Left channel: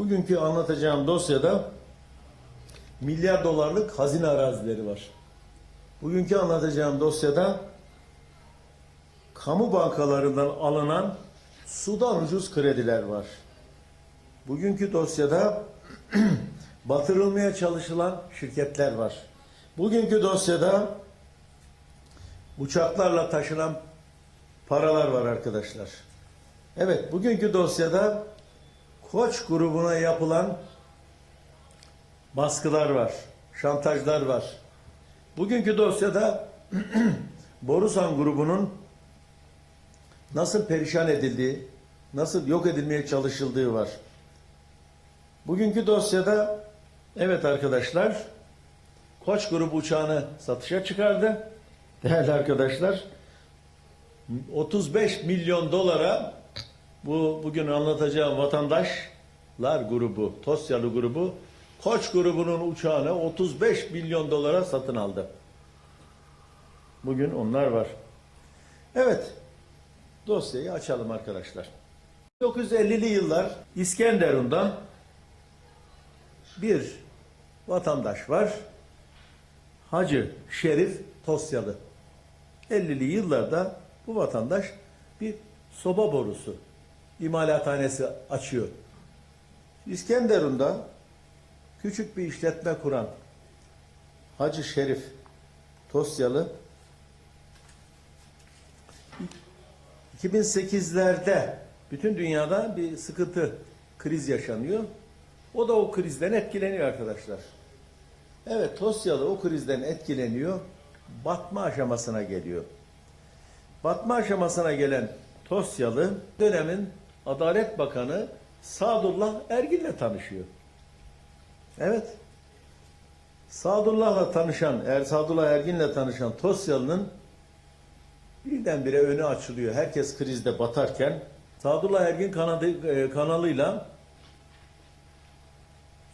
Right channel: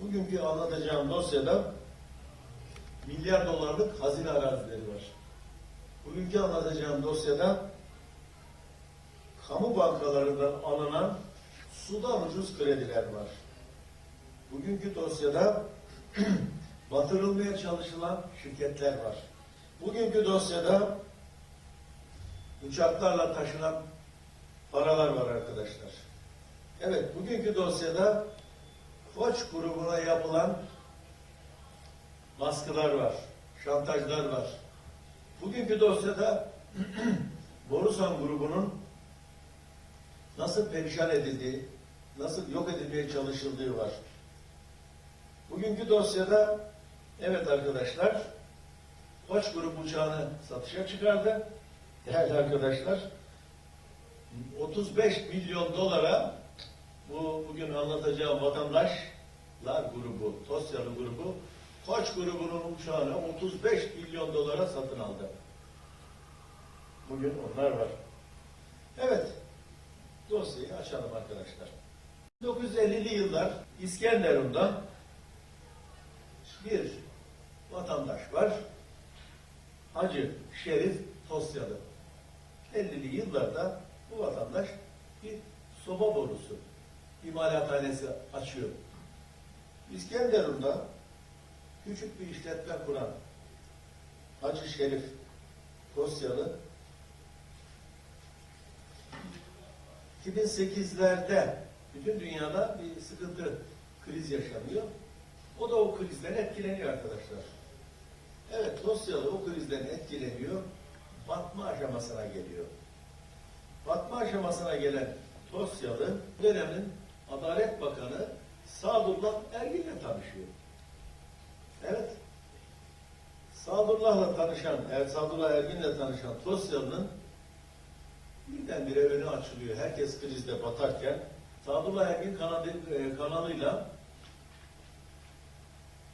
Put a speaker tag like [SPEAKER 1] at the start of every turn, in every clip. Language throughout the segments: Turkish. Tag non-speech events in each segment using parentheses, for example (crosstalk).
[SPEAKER 1] Bugünkü anlatacağım dosyada milyar dolarlık hazine arazileri var. Bugünkü anlatacağım dosyada kamu bankalarından alınan sudan ucuz krediler var. Bugünkü dosyada (clears throat) batırılmaya çalışılan şirketler var. Bugünkü dosyada uçaklarla taşınan paralar var arkadaşlar. Evet, bugünkü dosyada Koç grubuna yapılan baskılar var, şantajlar var. Bugünkü dosyada (clears throat) Borusan grubunun nasıl perişan edildiği, nasıl yok edilmeye çalışıldığı var. Bugünkü dosyada evet arkadaşlar Koç grubu uçağını satışa çıkardı. Değerli arkadaşlar 35 milyon dolara bu bugün anlatacağım vatandaşlar grubu, Tosyalı grubu Koç grubunun uçağını 35 milyon dolara satın aldı. Bugün onlar var. Evet. Dosyayı açalım arkadaşlar. 1950'li yıllar İskenderun'da bir vatandaş var. Hacı Şerif Tosyalı. 50'li yıllarda bu vatandaş bir soba borusu imalathanesi açıyor. İskenderun'da küçük bir işletme kuran Hacı Şerif Tosyalı 2008'lerde bütün dünyada bir sıkıntı, kriz yaşanıyor. O da o krizden etkileniyor arkadaşlar. Evet, Tosyalı o krizden etkileniyor, batma aşamasına geliyor. Batma aşamasına gelen Tosyalı dönemin Adalet Bakanı Sadullah Ergin'le tanışıyor. Evet. Sadullah'la tanışan, Er Sadullah Ergin'le tanışan Tosyalı'nın birdenbire önü açılıyor. Herkes krizde batarken Sadullah Ergin kanadı, e, kanalıyla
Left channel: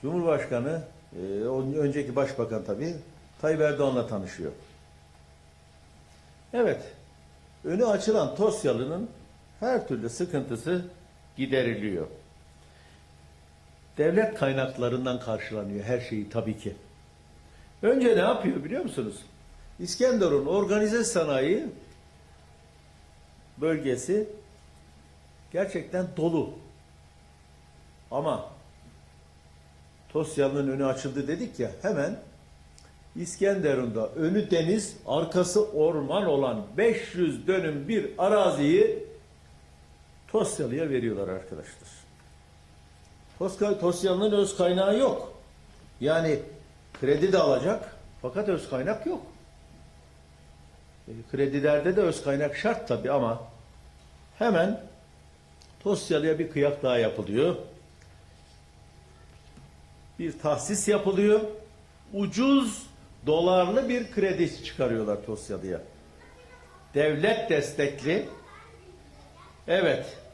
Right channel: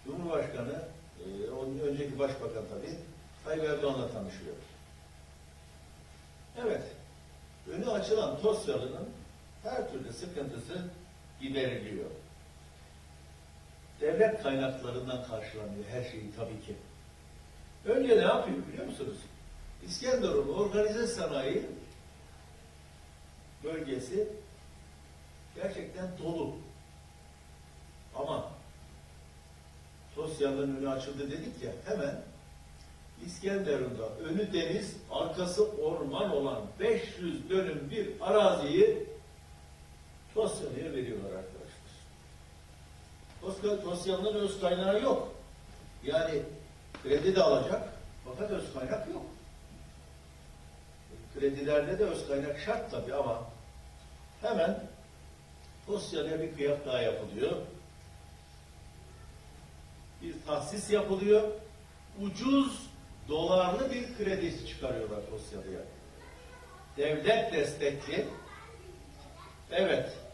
[SPEAKER 1] Cumhurbaşkanı, e, önceki başbakan tabii, Tayyip Erdoğan'la tanışıyor. Evet, önü açılan Tosyalı'nın her türlü sıkıntısı gideriliyor. Devlet kaynaklarından karşılanıyor her şeyi tabii ki. Önce ne yapıyor biliyor musunuz? İskenderun organize sanayi bölgesi gerçekten dolu. Ama Tosya'nın önü açıldı dedik ya hemen İskenderun'da önü deniz, arkası orman olan 500 dönüm bir araziyi Tosyalı'ya veriyorlar arkadaşlar. Toska- Tosyalı'nın öz kaynağı yok. Yani kredi de alacak fakat öz kaynak yok. E, Kredilerde de öz kaynak şart tabii ama hemen Tosyalı'ya bir kıyak daha yapılıyor. Bir tahsis yapılıyor. Ucuz dolarlı bir kredi çıkarıyorlar Tosyalı'ya. Devlet destekli evet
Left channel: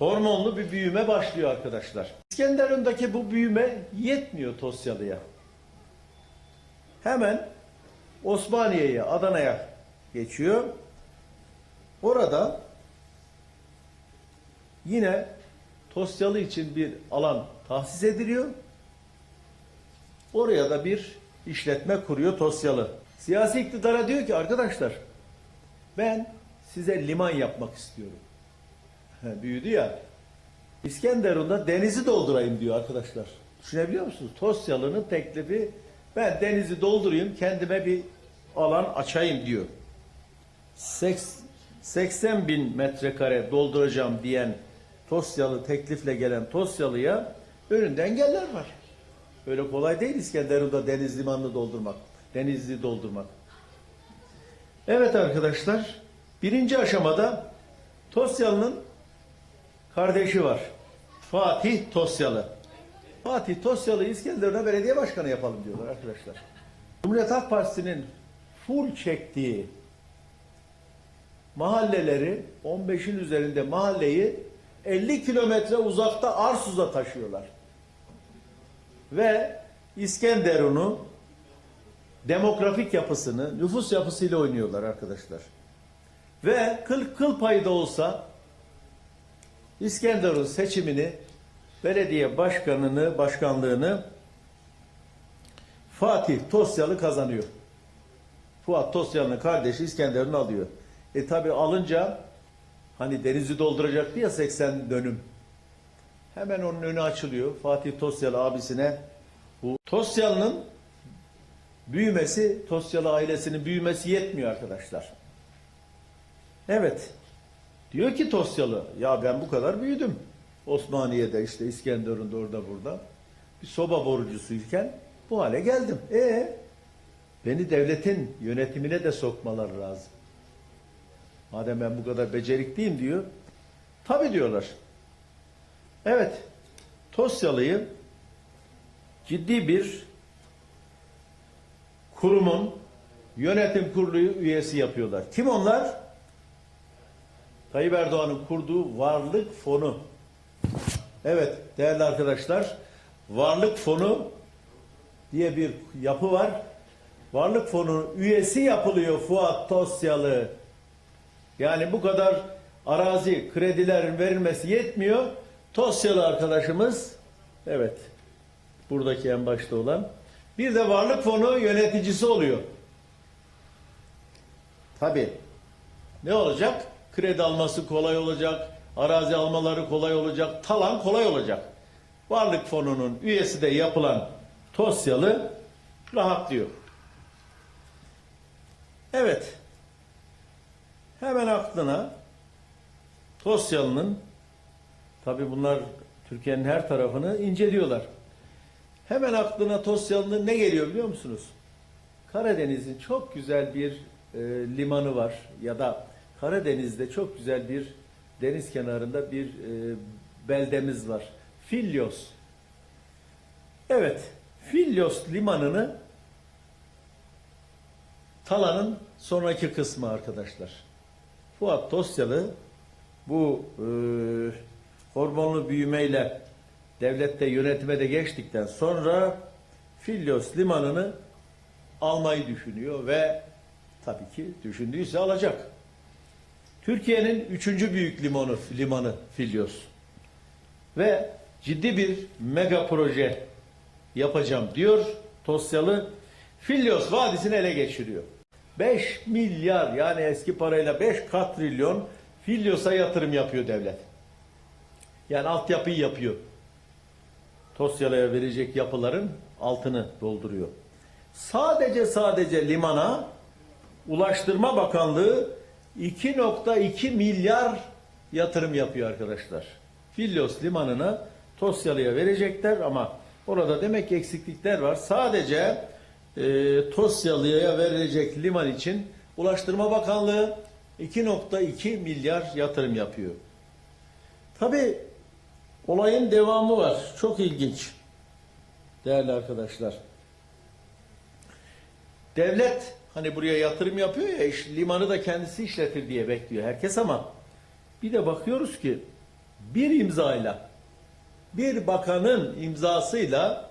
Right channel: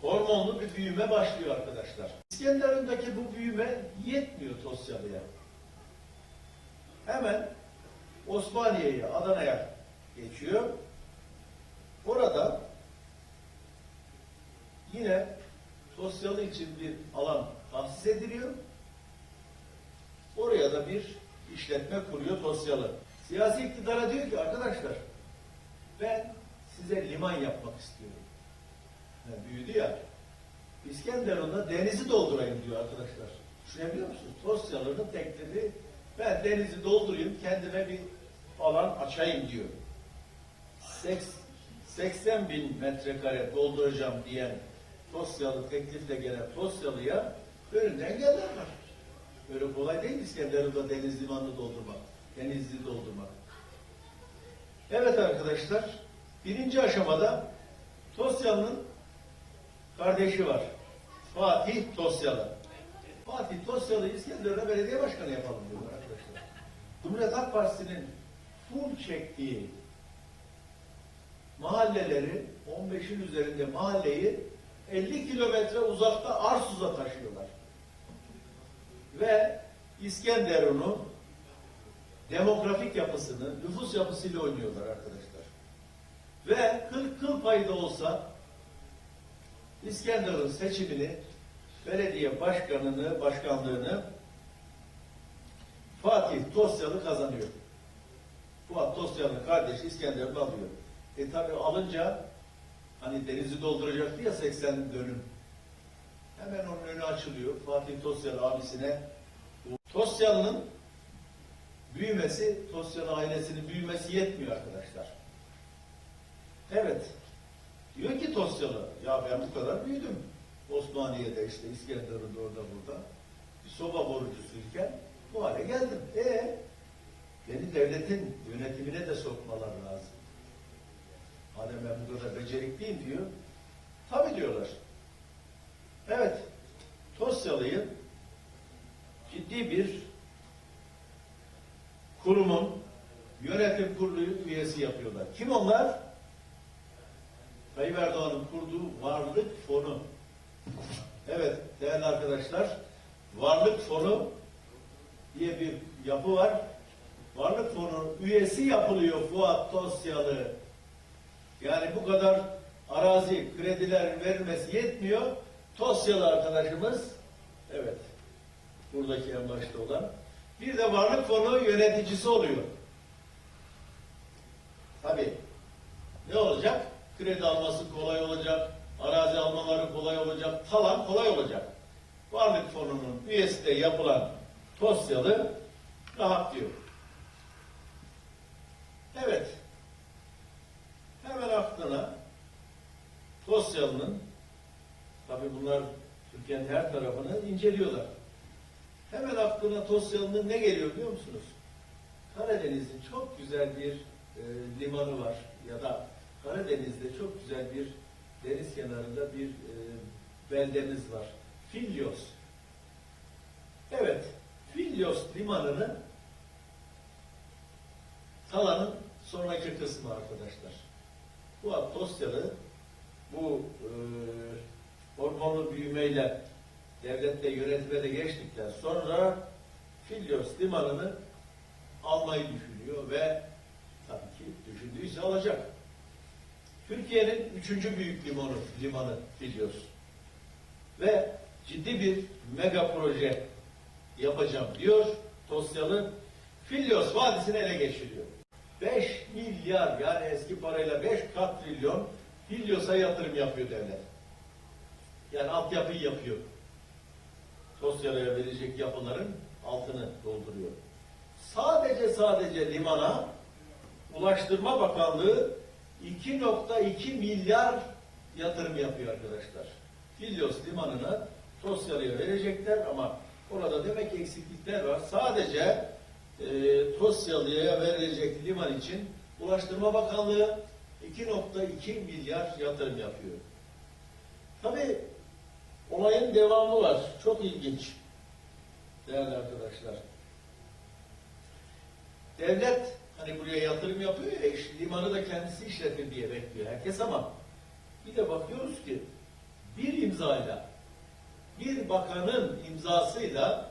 [SPEAKER 1] hormonlu bir büyüme başlıyor arkadaşlar. İskenderun'daki bu büyüme yetmiyor Tosyalı'ya. Hemen Osmaniye'ye, Adana'ya geçiyor. Orada yine Tosyalı için bir alan tahsis ediliyor. Oraya da bir işletme kuruyor Tosyalı. Siyasi iktidara diyor ki arkadaşlar ben size liman yapmak istiyorum. Büyüdü ya. İskenderun'da denizi doldurayım diyor arkadaşlar. Düşünebiliyor musunuz? Tosyalı'nın teklifi ben denizi doldurayım kendime bir alan açayım diyor. Seks- 80 bin metrekare dolduracağım diyen Tosyalı teklifle gelen Tosyalı'ya önünde engeller var. Öyle kolay değil İskenderun'da deniz limanını doldurmak. Denizli doldurmak. Evet arkadaşlar. Birinci aşamada Tosyalı'nın kardeşi var. Fatih Tosyalı. Fatih Tosyalı İskenderun'a belediye başkanı yapalım diyorlar arkadaşlar. Cumhuriyet Halk Partisi'nin full çektiği mahalleleri 15'in üzerinde mahalleyi 50 kilometre uzakta Arsuz'a taşıyorlar. Ve İskenderun'u demografik yapısını, nüfus yapısıyla oynuyorlar arkadaşlar. Ve kıl, kıl payı da olsa İskenderun seçimini belediye başkanını, başkanlığını Fatih Tosyalı kazanıyor. Fuat Tosyalı'nın kardeşi İskenderun'u alıyor. E tabi alınca hani denizi dolduracaktı ya 80 dönüm. Hemen onun önü açılıyor. Fatih Tosyalı abisine bu Tosyalı'nın büyümesi, Tosyalı ailesinin büyümesi yetmiyor arkadaşlar. Evet. Diyor ki Tosyalı, ya ben bu kadar büyüdüm. Osmaniye'de işte İskenderun'da orada burada. Bir soba borucusuyken bu hale geldim. E beni devletin yönetimine de sokmalar lazım. Madem ben bu kadar becerikliyim diyor. Tabi diyorlar. Evet. Tosyalı'yı ciddi bir kurumun yönetim kurulu üyesi yapıyorlar. Kim onlar? Tayyip Erdoğan'ın kurduğu Varlık Fonu. Evet değerli arkadaşlar, Varlık Fonu diye bir yapı var. Varlık Fonu üyesi yapılıyor Fuat Tosyalı. Yani bu kadar arazi, krediler verilmesi yetmiyor. Tosyalı arkadaşımız, evet, buradaki en başta olan, bir de Varlık Fonu yöneticisi oluyor. Tabii. Ne olacak? Kredi alması kolay olacak, arazi almaları kolay olacak, talan kolay olacak. Varlık fonunun üyesi de yapılan Tosyalı rahatlıyor. Evet. Hemen aklına Tosyalı'nın tabi bunlar Türkiye'nin her tarafını inceliyorlar. Hemen aklına Tosyalı'nın ne geliyor biliyor musunuz? Karadeniz'in çok güzel bir e, limanı var ya da Karadeniz'de çok güzel bir deniz kenarında bir e, beldemiz var. Filyos. Evet, Filyos limanını Talan'ın sonraki kısmı arkadaşlar. Fuat Tosyalı bu e, hormonlu büyümeyle devlette yönetime de geçtikten sonra Filyos limanını almayı düşünüyor ve tabii ki düşündüyse alacak. Türkiye'nin üçüncü büyük limanı, limanı Filyos. Ve ciddi bir mega proje yapacağım diyor Tosyalı. Filyos vadisini ele geçiriyor. 5 milyar yani eski parayla 5 katrilyon Filyos'a yatırım yapıyor devlet. Yani altyapıyı yapıyor. Tosyalı'ya verecek yapıların altını dolduruyor. Sadece sadece limana Ulaştırma Bakanlığı 2.2 milyar yatırım yapıyor arkadaşlar. Filyos limanını Tosyalı'ya verecekler ama orada demek ki eksiklikler var. Sadece e, Tosyalı'ya verilecek liman için Ulaştırma Bakanlığı 2.2 milyar yatırım yapıyor. Tabi olayın devamı var. Çok ilginç. Değerli arkadaşlar. Devlet hani buraya yatırım yapıyor ya iş, limanı da kendisi işletir diye bekliyor herkes ama bir de bakıyoruz ki bir imzayla bir bakanın imzasıyla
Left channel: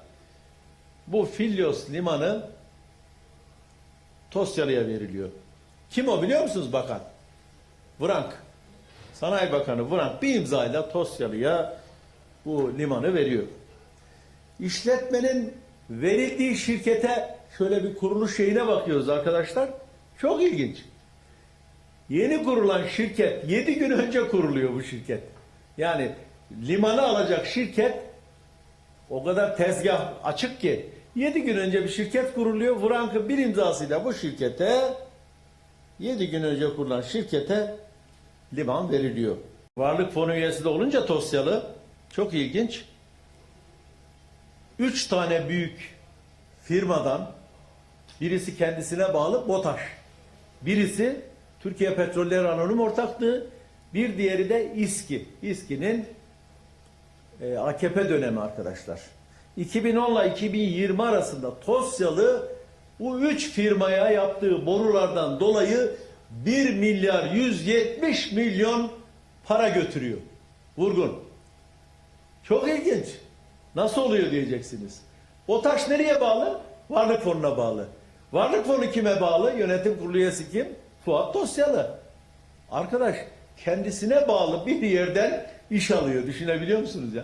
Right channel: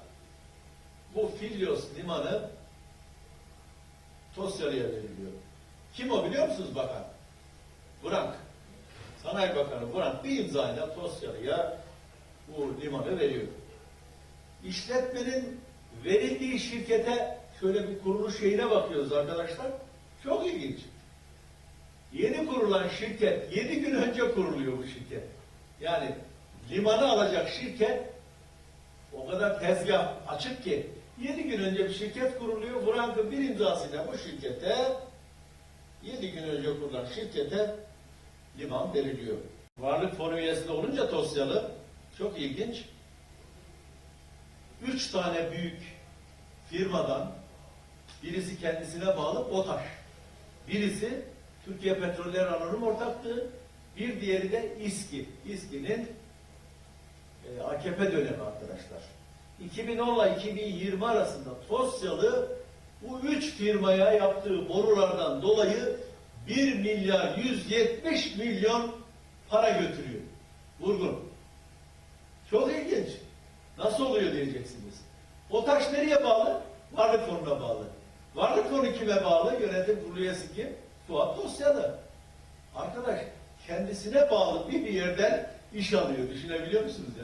[SPEAKER 1] bu Filyos limanı Tosyalı'ya veriliyor. Kim o biliyor musunuz bakan? Vrank. Sanayi Bakanı Vrank bir imzayla Tosyalı'ya bu limanı veriyor. İşletmenin verildiği şirkete şöyle bir kuruluş şeyine bakıyoruz arkadaşlar. Çok ilginç. Yeni kurulan şirket, 7 gün önce kuruluyor bu şirket. Yani limanı alacak şirket o kadar tezgah açık ki 7 gün önce bir şirket kuruluyor. Frank'ın bir imzasıyla bu şirkete 7 gün önce kurulan şirkete liman veriliyor. Varlık fonu üyesi de olunca Tosyalı çok ilginç. Üç tane büyük firmadan birisi kendisine bağlı BOTAŞ. Birisi Türkiye Petroller Anonim Ortaklığı, bir diğeri de İSKİ. İSKİ'nin e, AKP dönemi arkadaşlar. 2010 ile 2020 arasında Tosyalı bu üç firmaya yaptığı borulardan dolayı 1 milyar 170 milyon para götürüyor. Vurgun. Çok ilginç. Nasıl oluyor diyeceksiniz. O nereye bağlı? Varlık fonuna bağlı. Varlık fonu kime bağlı? Yönetim kurulu üyesi kim? Fuat Tosyalı. Arkadaş kendisine bağlı bir yerden iş alıyor. Düşünebiliyor musunuz ya?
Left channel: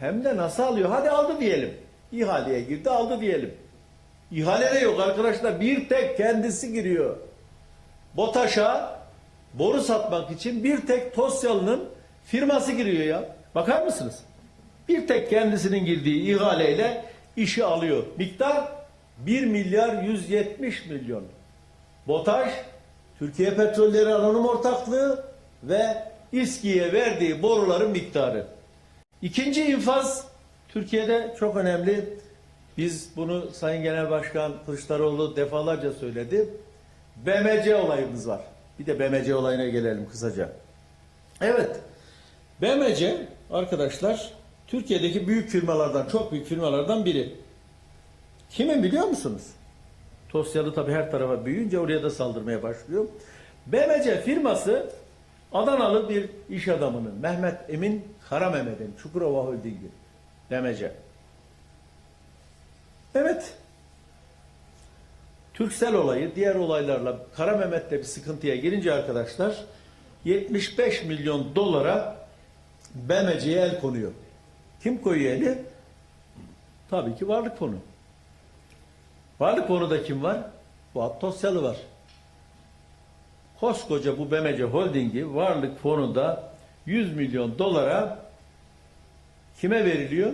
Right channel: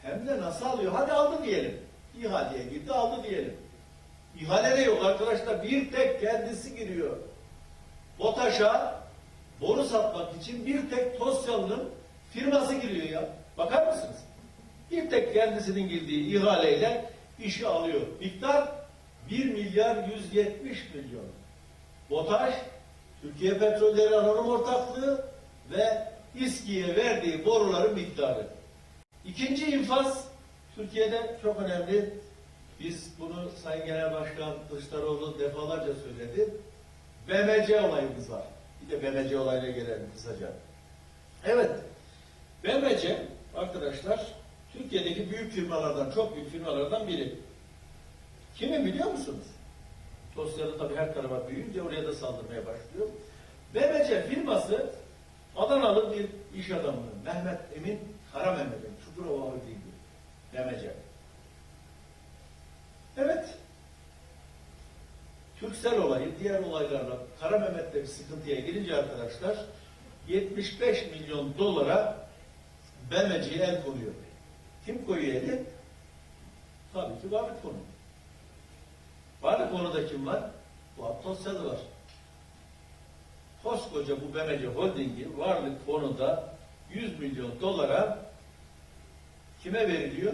[SPEAKER 1] Hem de nasıl alıyor? Hadi aldı diyelim. İhaleye girdi aldı diyelim. İhale de yok arkadaşlar. Bir tek kendisi giriyor. BOTAŞ'a boru satmak için bir tek Tosyalı'nın firması giriyor ya. Bakar mısınız? Bir tek kendisinin girdiği ihaleyle işi alıyor. Miktar 1 milyar 170 milyon. BOTAŞ, Türkiye Petrolleri Anonim Ortaklığı ve İSKİ'ye verdiği boruların miktarı. İkinci infaz Türkiye'de çok önemli. Biz bunu Sayın Genel Başkan Kılıçdaroğlu defalarca söyledi. BMC olayımız var. Bir de BMC olayına gelelim kısaca. Evet. BMC arkadaşlar Türkiye'deki büyük firmalardan, çok büyük firmalardan biri. Kimi biliyor musunuz? Tosyalı tabii her tarafa büyüyünce oraya da saldırmaya başlıyor. BMC firması Adanalı bir iş adamının Mehmet Emin Karamehmet'in Çukurova Holding'i BMC. Evet. Türksel olayı diğer olaylarla Kara Mehmet'le bir sıkıntıya girince arkadaşlar 75 milyon dolara BMC'ye el konuyor. Kim koyuyor eli? Tabii ki Varlık Fonu. Varlık Fonu'da kim var? Fuat Tosyalı var. Koskoca bu BMC Holding'i Varlık Fonu'nda 100 milyon dolara kime veriliyor?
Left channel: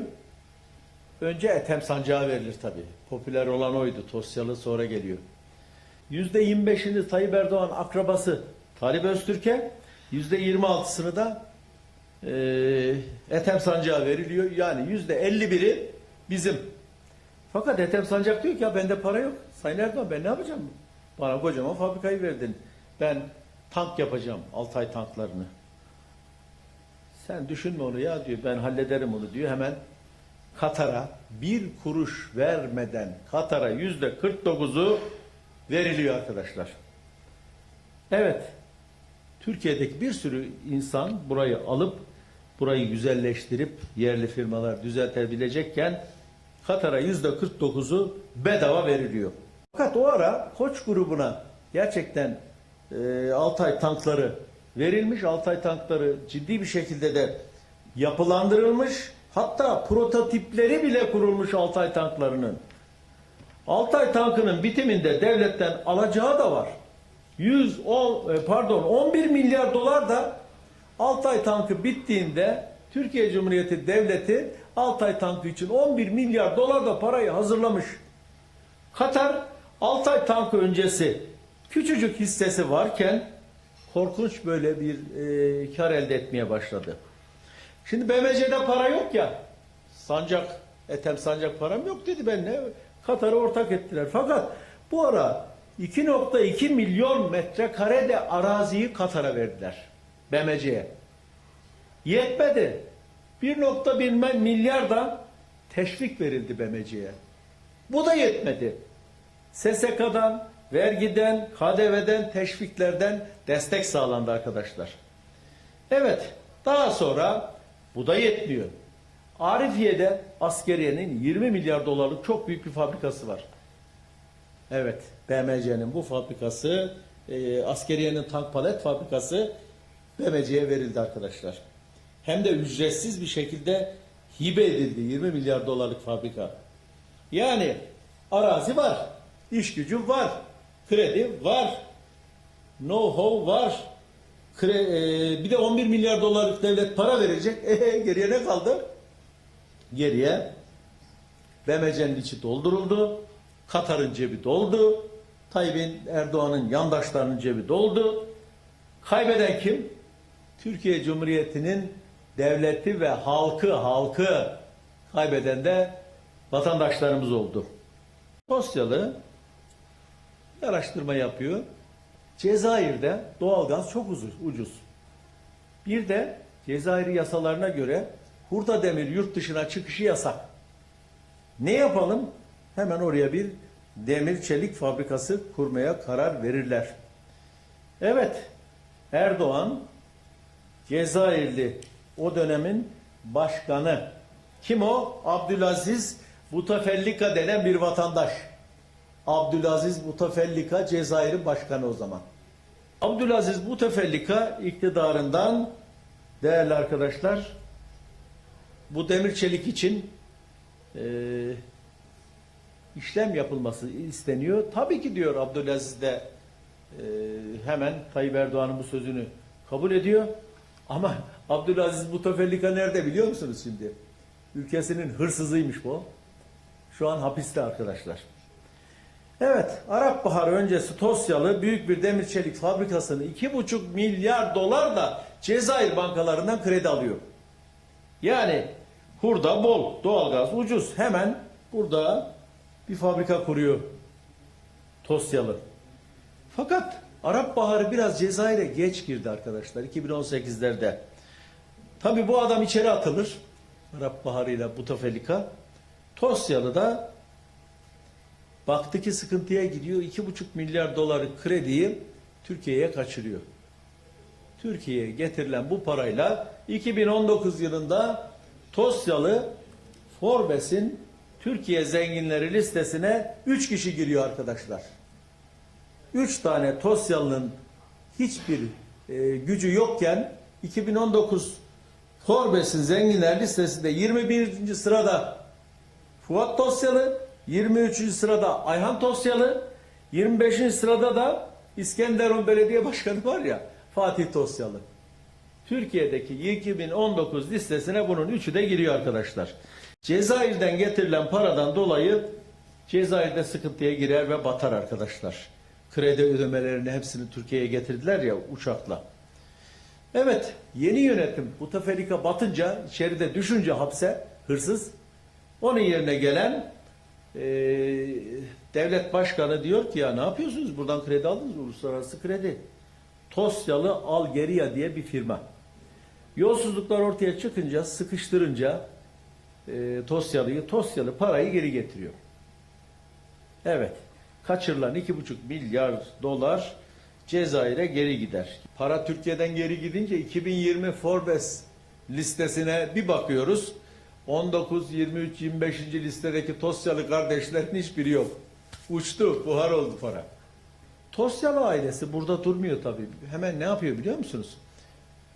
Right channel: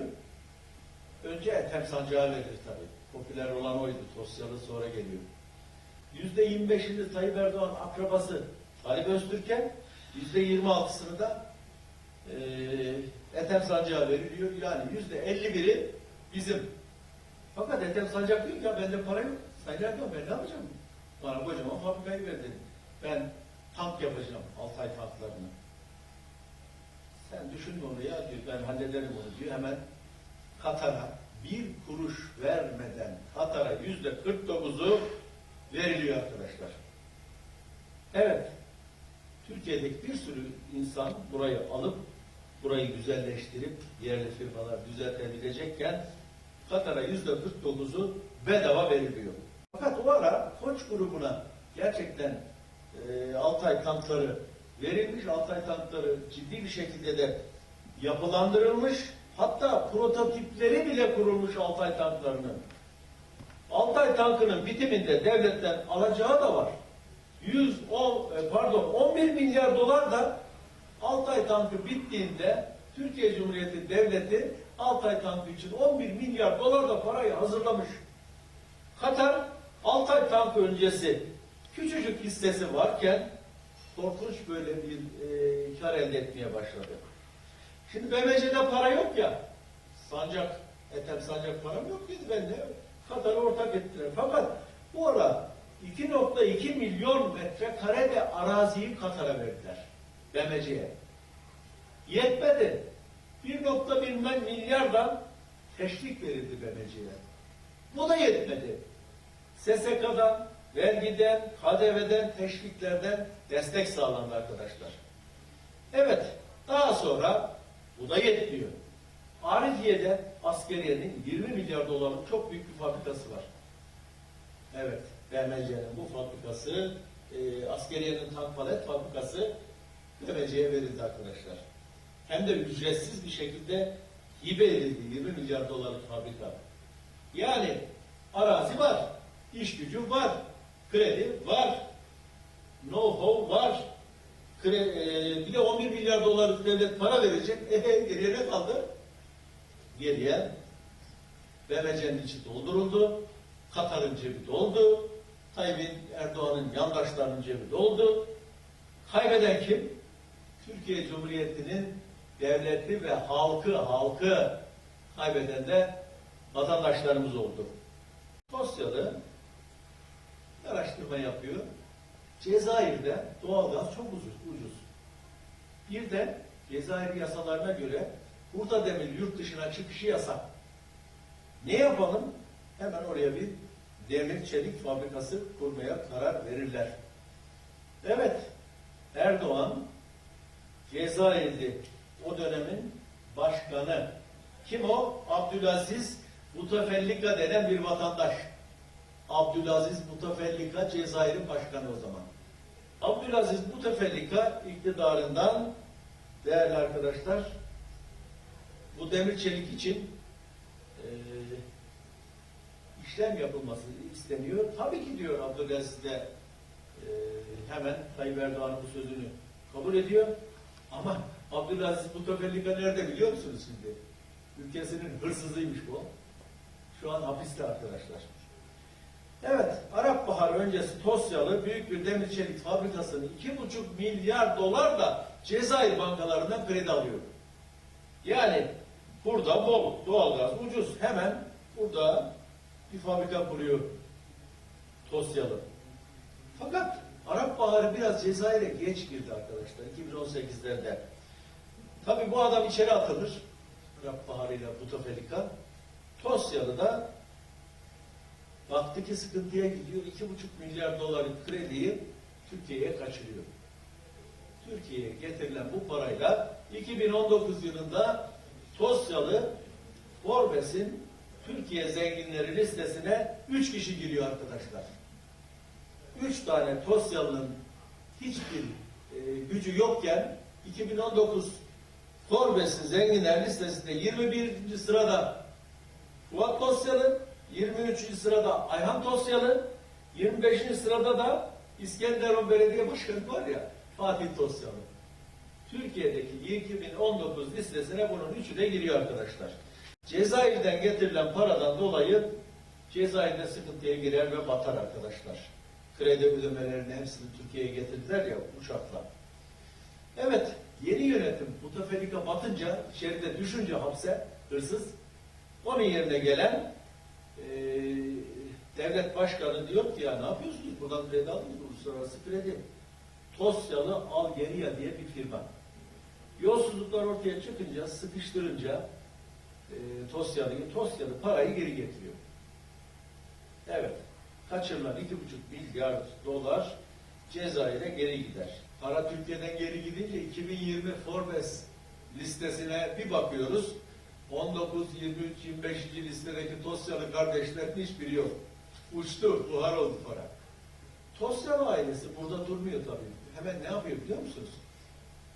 [SPEAKER 1] Önce Ethem Sancağı verilir tabii. Popüler olan oydu. Tosyalı sonra geliyor. Yüzde 25'ini Tayyip Erdoğan akrabası Talip Öztürk'e, yüzde 26'sını da eee Ethem Sancağı veriliyor. Yani yüzde 51'i bizim. Fakat Ethem Sancak diyor ki ya bende para yok. Sayın Erdoğan ben ne yapacağım? Bana kocaman fabrikayı verdin. Ben tank yapacağım. Altay tanklarını. Sen düşünme onu ya diyor. Ben hallederim onu diyor. Hemen Katar'a bir kuruş vermeden Katar'a yüzde 49'u veriliyor arkadaşlar. Evet. Türkiye'deki bir sürü insan burayı alıp burayı güzelleştirip yerli firmalar düzeltebilecekken Katar'a yüzde 49'u bedava veriliyor. Fakat o ara Koç grubuna gerçekten e, Altay tankları verilmiş. Altay tankları ciddi bir şekilde de yapılandırılmış. Hatta prototipleri bile kurulmuş Altay tanklarının. Altay tankının bitiminde devletten alacağı da var. 110 e, pardon 11 milyar dolar da Altay tankı bittiğinde Türkiye Cumhuriyeti Devleti Altay tankı için 11 milyar dolar da parayı hazırlamış. Katar Altay tankı öncesi küçücük hissesi varken korkunç böyle bir e, kar elde etmeye başladı. Şimdi BMC'de para yok ya. Sancak, Ethem Sancak param yok dedi ben ne? Katar'ı ortak ettiler. Fakat bu ara 2.2 milyon metrekare de araziyi Katar'a verdiler. BMC'ye. Yetmedi. 1.1 milyar da teşvik verildi BMC'ye. Bu da yetmedi. SSK'dan, vergiden, KDV'den, teşviklerden destek sağlandı arkadaşlar. Evet, daha sonra bu da yetmiyor. Arifiye'de askeriyenin 20 milyar dolarlık çok büyük bir fabrikası var. Evet, BMC'nin bu fabrikası, e, askeriyenin tank palet fabrikası BMC'ye verildi arkadaşlar. Hem de ücretsiz bir şekilde hibe edildi 20 milyar dolarlık fabrika. Yani arazi var, iş gücü var, kredi var, know-how var, Kre- e, bir de 11 milyar dolarlık devlet para verecek. (laughs) E, geriye ne kaldı? Geriye BMC'nin içi dolduruldu. Katar'ın cebi doldu. Tayyip Erdoğan'ın yandaşlarının cebi doldu. Kaybeden kim? Türkiye Cumhuriyeti'nin devleti ve halkı, halkı kaybeden de vatandaşlarımız oldu. Tosyalı bir araştırma yapıyor. Cezayir'de doğalgaz çok ucuz. ucuz. Bir de Cezayir yasalarına göre hurda demir yurt dışına çıkışı yasak. Ne yapalım? Hemen oraya bir demir çelik fabrikası kurmaya karar verirler. Evet, Erdoğan Cezayirli o dönemin başkanı. Kim o? Abdülaziz Butefellika denen bir vatandaş. Abdülaziz Butefellika Cezayir'in başkanı o zaman. Abdülaziz Butefellika iktidarından değerli arkadaşlar bu demir çelik için e, işlem yapılması isteniyor. Tabii ki diyor Abdülaziz de e, hemen Tayyip Erdoğan'ın bu sözünü kabul ediyor. Ama Abdülaziz Bouteflika nerede biliyor musunuz şimdi? Ülkesinin hırsızıymış bu. Şu an hapiste arkadaşlar. Evet, Arap Baharı öncesi Tosyalı büyük bir demir çelik fabrikasını 2,5 milyar dolar da Cezayir bankalarından kredi alıyor. Yani burada bol, doğalgaz ucuz. Hemen burada bir fabrika kuruyor Tosyalı. Fakat Arap Baharı biraz Cezayir'e geç girdi arkadaşlar 2018'lerde. Tabi bu adam içeri atılır. Arap Baharı ile Bouteflika. Tosyalı da baktı ki sıkıntıya gidiyor. 2,5 milyar doları krediyi Türkiye'ye kaçırıyor. Türkiye'ye getirilen bu parayla 2019 yılında Tosyalı Forbes'in Türkiye zenginleri listesine 3 kişi giriyor arkadaşlar. 3 tane Tosyalı'nın hiçbir e, gücü yokken 2019 Forbes'in zenginler listesinde 21. sırada Fuat Tosyalı, 23. sırada Ayhan Tosyalı, 25. sırada da İskenderun Belediye Başkanı var ya Fatih Tosyalı. Türkiye'deki 2019 listesine bunun üçü de giriyor arkadaşlar. Cezayir'den getirilen paradan dolayı Cezayir'de sıkıntıya girer ve batar arkadaşlar. Kredi ödemelerini hepsini Türkiye'ye getirdiler ya uçakla. Evet, yeni yönetim Bouteflika batınca, içeride düşünce hapse, hırsız, onun yerine gelen e, devlet başkanı diyor ki ya ne yapıyorsunuz? Buradan kredi aldınız mı? Uluslararası kredi. Tosyalı Algeria diye bir firma. Yolsuzluklar ortaya çıkınca, sıkıştırınca e, Tosyalı'yı, Tosyalı parayı geri getiriyor. Evet, kaçırılan 2,5 milyar dolar Cezayir'e geri gider. Para Türkiye'den geri gidince 2020 Forbes listesine bir bakıyoruz. 19, 23, 25. listedeki Tosyalı kardeşlerin hiçbiri yok. Uçtu, buhar oldu para. Tosyalı ailesi burada durmuyor tabii. Hemen ne yapıyor biliyor musunuz?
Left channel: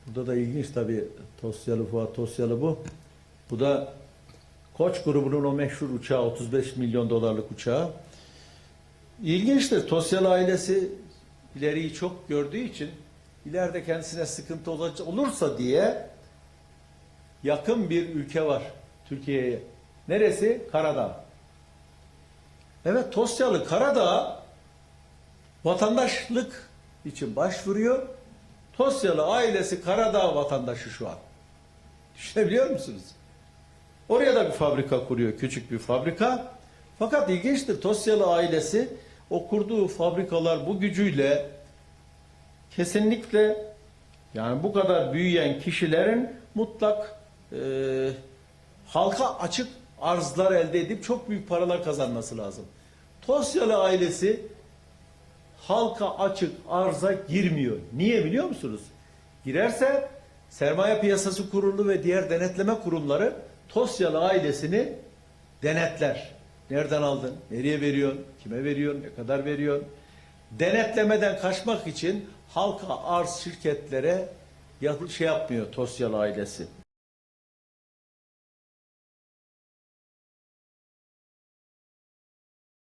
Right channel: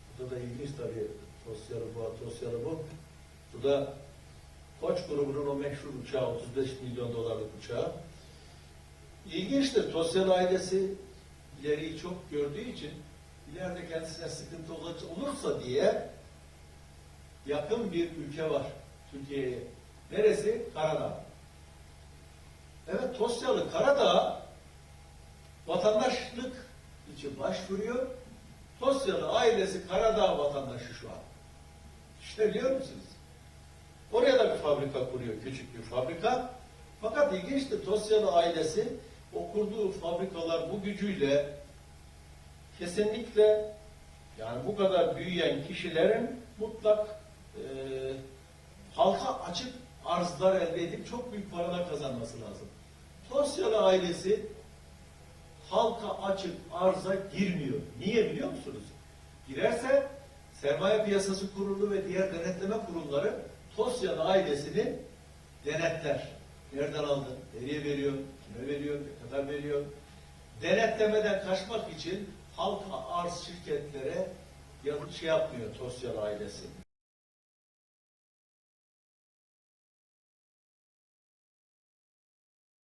[SPEAKER 1] Burada da ilginç tabii. Tosyalı Fuat Tosyalı bu. Bu da Koç grubunun o meşhur uçağı, 35 milyon dolarlık uçağı. İlginçtir. Tosyalı ailesi ileriyi çok gördüğü için ileride kendisine sıkıntı olursa diye yakın bir ülke var Türkiye'ye. Neresi? Karadağ. Evet Tosyalı Karadağ vatandaşlık için başvuruyor. Tosyalı ailesi Karadağ vatandaşı şu an. Düşünebiliyor musunuz? Oraya da bir fabrika kuruyor, küçük bir fabrika. Fakat ilginçtir, Tosyalı ailesi o kurduğu fabrikalar bu gücüyle kesinlikle yani bu kadar büyüyen kişilerin mutlak e, halka açık arzlar elde edip çok büyük paralar kazanması lazım. Tosyalı ailesi halka açık arza girmiyor. Niye biliyor musunuz? Girerse sermaye piyasası kurulu ve diğer denetleme kurumları Tosyalı ailesini denetler. Nereden aldın? Nereye veriyorsun? Kime veriyorsun? Ne kadar veriyorsun? Denetlemeden kaçmak için halka arz şirketlere şey yapmıyor Tosyalı ailesi.